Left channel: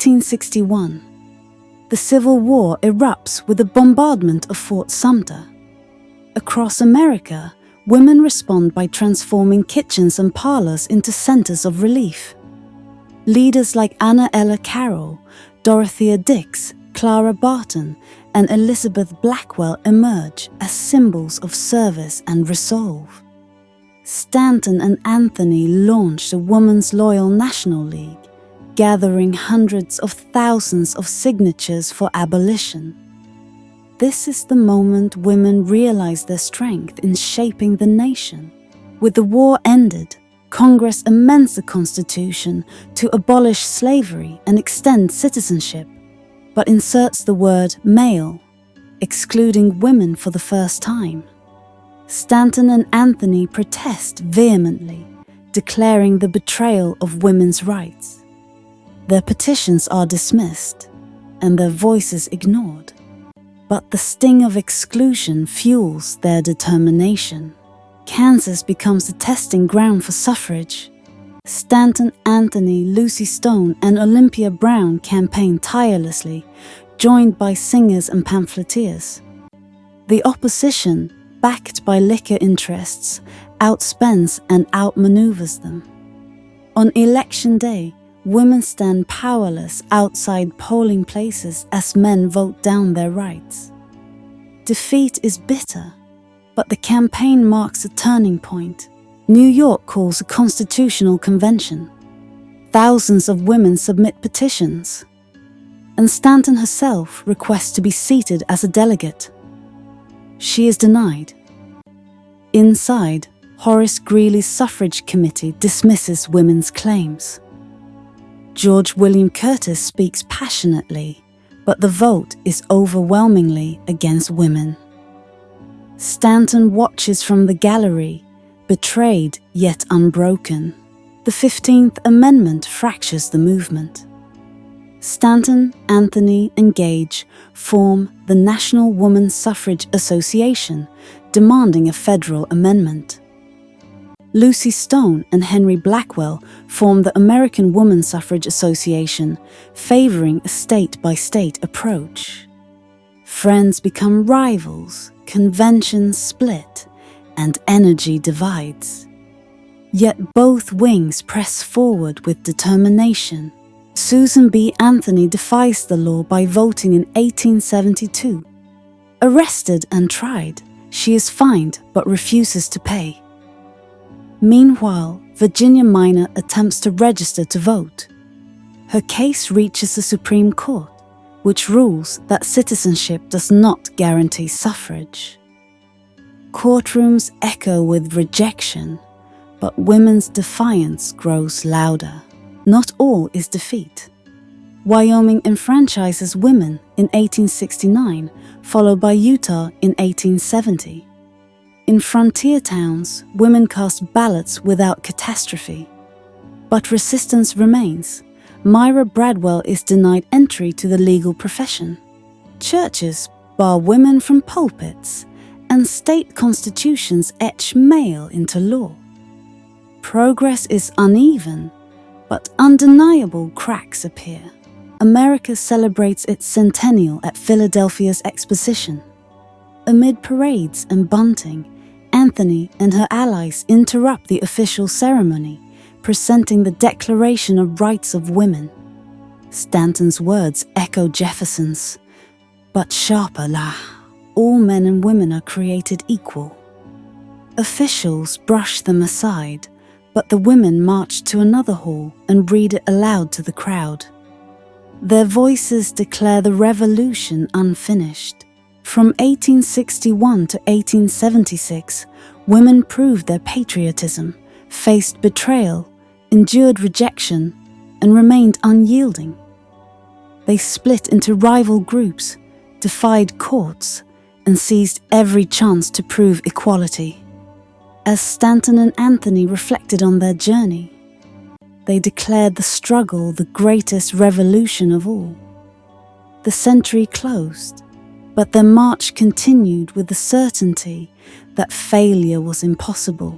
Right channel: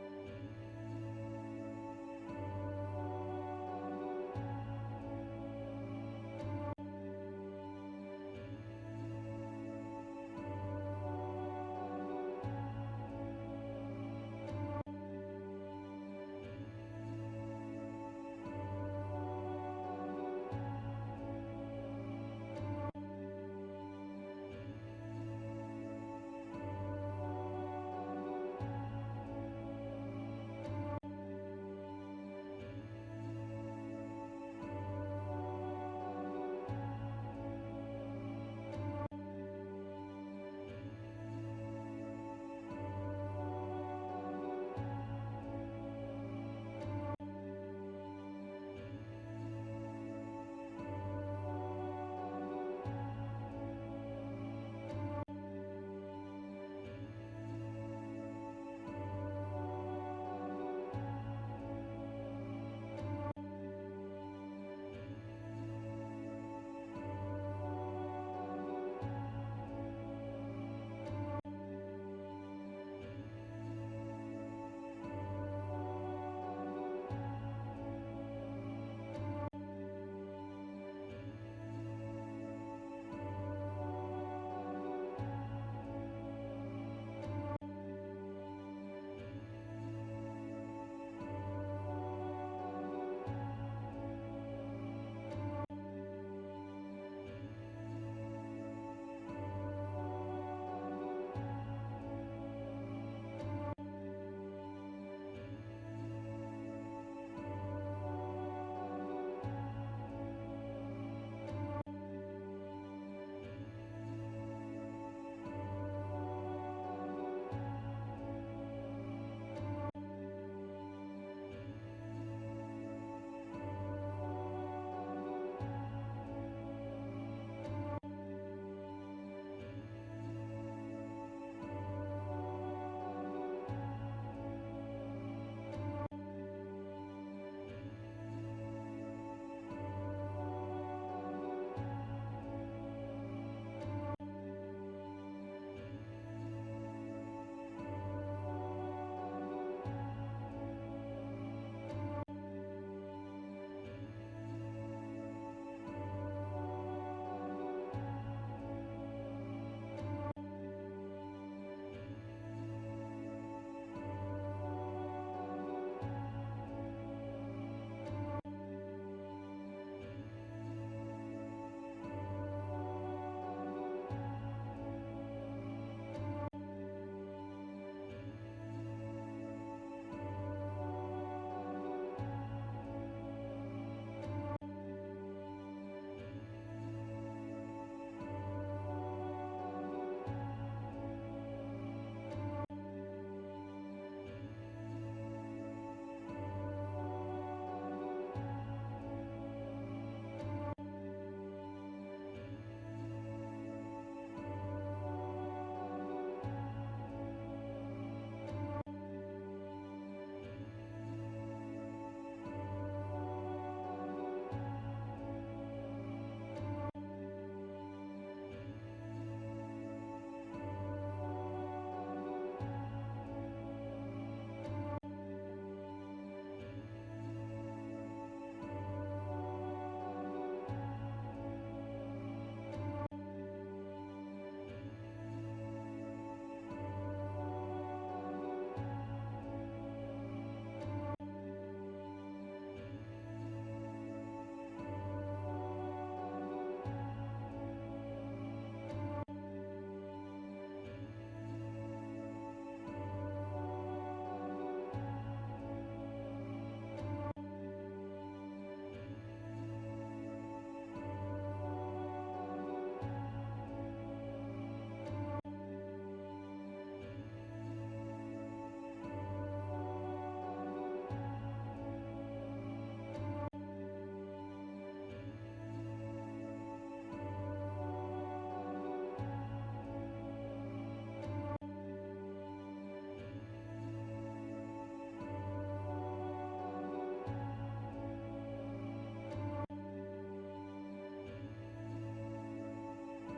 1861. The Civil War erupts with the bombardment of Fort Sumter. Across America, women respond by transforming kitchens and parlors into centers of relief. Leaders like Anna Ella Carroll, Dorothea Dix, Clara Barton, and Elizabeth Blackwell emerge as symbols of service and resolve. Stanton and Anthony launched the Women's Loyal National League, gathering hundreds of thousands of signatures for abolition. This is the moment women realize their strength in shaping the nation. With the war ended, Congress amends the Constitution to abolish slavery and extend citizenship, but inserts the word male, excluding women for the first time. Stanton and Anthony protest vehemently, declaring the betrayal of women's rights. Their petitions are dismissed, and their voices ignored. But the sting of exclusion fuels their determination. Kansas becomes the testing ground for suffrage. Stanton, Anthony, Lucy Stone, and Olympia Brown campaign tirelessly, joined by singers and pamphleteers. The opposition, backed by liquor interests, outspends and outmaneuvers them. On election day, women stand powerless outside polling places as men vote down their rights. Defeat is bitter, but the campaign marks a turning point. New York calls a constitutional convention. Thousands of women submit petitions, and Stanton herself requests to be seated as a delegate. She is denied. Inside, Horace Greeley's suffrage committee dismisses women's claims. George William Curtis speaks passionately, but the vote is overwhelmingly against women. Stanton watches from the gallery, betrayed yet unbroken. The 15th Amendment fractures the movement. Stanton, Anthony, and Gage form the National Woman Suffrage Association, demanding a federal amendment. Lucy Stone and Henry Blackwell form the American Woman Suffrage Association, favoring a state-by-state approach. Friends become rivals, conventions split, and energy divides. Yet both wings press forward with determination. Susan B. Anthony defies the law by voting in 1872. Arrested and tried, she is fined but refuses to pay. Meanwhile, Virginia Minor attempts to register to vote. Her case reaches the Supreme Court, which rules that citizenship does not guarantee suffrage. Courtrooms echo with rejection, but women's defiance grows louder. Not all is defeat. Wyoming enfranchises women in 1869, followed by Utah in 1870. In frontier towns, women cast ballots without catastrophe. But resistance remains. Myra Bradwell is denied entry to the legal profession. Churches bar women from pulpits, and state constitutions etch male into law. Progress is uneven, but undeniable cracks appear. America celebrates its centennial at Philadelphia's Exposition. Amid parades and bunting, Anthony and her allies interrupt the official ceremony, presenting the Declaration of Rights of Women. Stanton's words echo Jefferson's, but sharper la. All men and women are created equal. Officials brush them aside, but the women march to another hall and read it aloud to the crowd. Their voices declare the revolution unfinished. From 1861 to 1876, women proved their patriotism, faced betrayal, endured rejection, and remained unyielding. They split into rival groups, defied courts, and seized every chance to prove equality. As Stanton and Anthony reflected on their journey, they declared the struggle the greatest revolution of all. The century closed, but their march continued with the certainty that failure was impossible.